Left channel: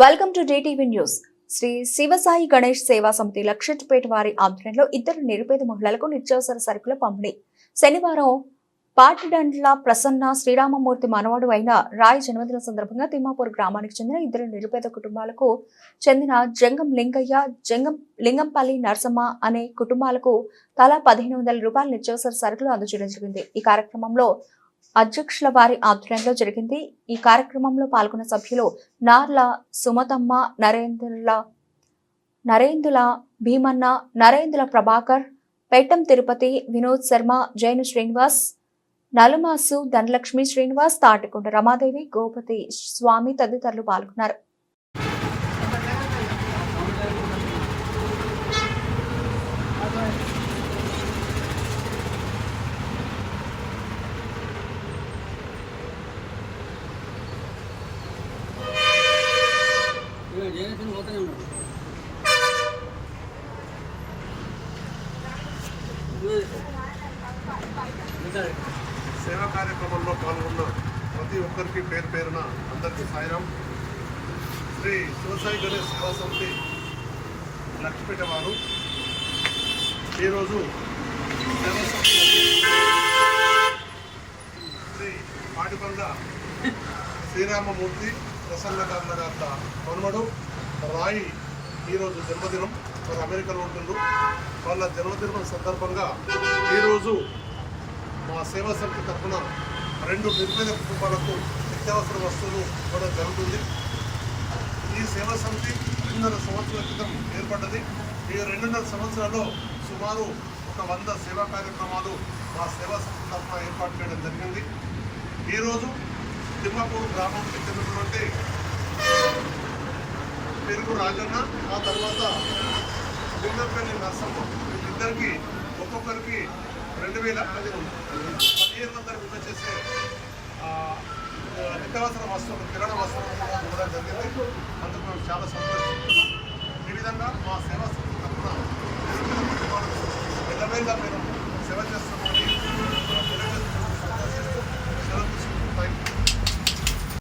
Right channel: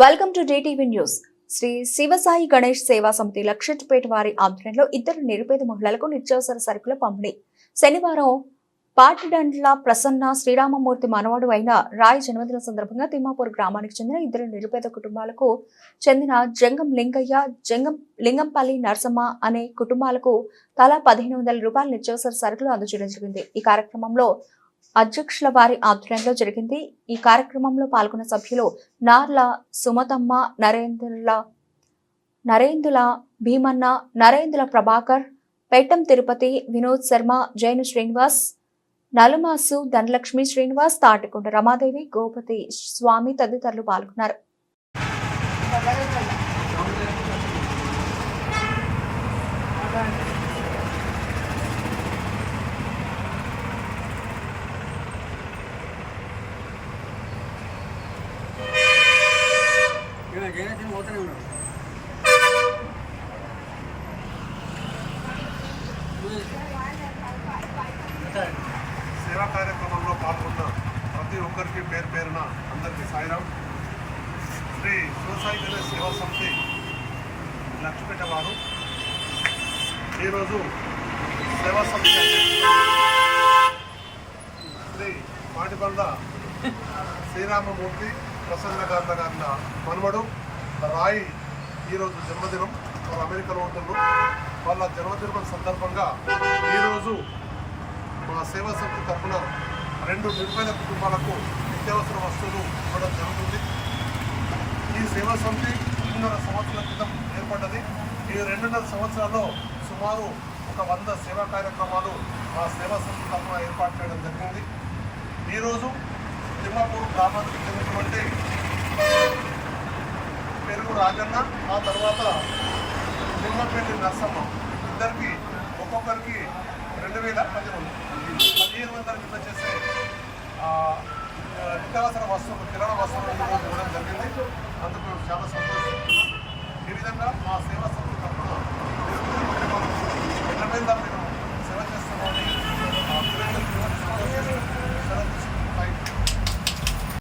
Welcome to DTV news. Shri Shivasai Ganesh Seva Samiti Luxettipet వారి ఆధ్వర్యంలో ఇద్దరు నిరుపేద మహిళలకు నిత్యావసర సరుకుల పంపిణీ. శనివారం పాటిడండ్ల ప్రసన్న శ్రీరామమూర్తి మనవడు అయిన రాయ్ జన్మదిన సందర్భంగా తిమ్మాపూర్ గ్రామానికి చెందిన ఇద్దరు నిరుపేద కుటుంబాలకు చెందిన జంగం లింగయ్య జంగం లింగంపల్లి నరసమ్మ అనే కుటుంబాలకు తలా పదిహేను వందల రూపాయల నిత్యావసర సరుకులు అందజేయడం జరిగింది. ఈ కార్యక్రమంలో అధ్యక్షుల వారి ఆధ్వర్యంలో జరిగింది. ఈ కార్యక్రమంలో పాల్గొన్న సభ్యులు నార్ల సుమతమ్మ నరేంద్రుల నరేందుల భీమన్న నరేంద్ర ప్రభాకర్ పేటం తిరుపతి వినోద్ శర్మ జైను శ్రీనివాస్ నలుమాసు ధనలక్ష్మి శ్రీనివాస్ తాటికొండ రమాదేవి గోపతి స్వామి తదితరులు పాల్గొన్నారు. పోతూనే ఉన్నాడు. సేవా కార్యక్రమంలో పాల్గొన్న ప్రతి ఒక్కరికి పేరు పేరున అందరికీ సాయిరాం. శ్రీ శివసాయి గణేష్ సేవా సమితి లక్ష్మీపేట వారు. ఈరోజు సేవా సమితి శ్రీ మాటిబంద శ్రీరామమూర్తి ప్రసన్న గార్ల గార్ల మనుమడు. రాయి ఈరోజు జన్మదినం. వారు అమెరికాలో ఉంటున్నారు వాళ్ళ జన్మదినం సందర్భంగా ఈరోజు మా సేవా సమితి తరఫున రెండు నిరుపేద కుటుంబాలకు నిత్యావసర వస్తువులు ఇవ్వడం జరుగుతుంది. ఈ సేవా సమితి రెండున్నర సంవత్సరాల క్రితం ఏర్పడ్డది. ఈ రెండున్నర సంవత్సరాల్లో సుమారు ఒక వంద సేవా కార్యక్రమాలు మా సేవా సమితి తరఫున ఏర్పాటు చేయడం జరిగింది. ఈరోజు తిమ్మాపూర్ గ్రామానికి చెందినటువంటి పెరుగు రాజన్న ఆ తర్వాత లింగంపల్లి నర్సమ్మ. వీళ్ళిద్దరికి ఒక్కొక్కరికి రెండు వేల పదిహేను పదిహేను వందల విలువ చేసే నిత్యావసర వస్తువులు కిరణ వస్తువులు కూడా ఇవ్వడం జరిగింది. అందుకు మేము చాలా సంతోషిస్తున్నాం. ఈ విధంగా మా సేవా సంస్థ తరఫున మనకు మేము సేవ చేస్తున్నామని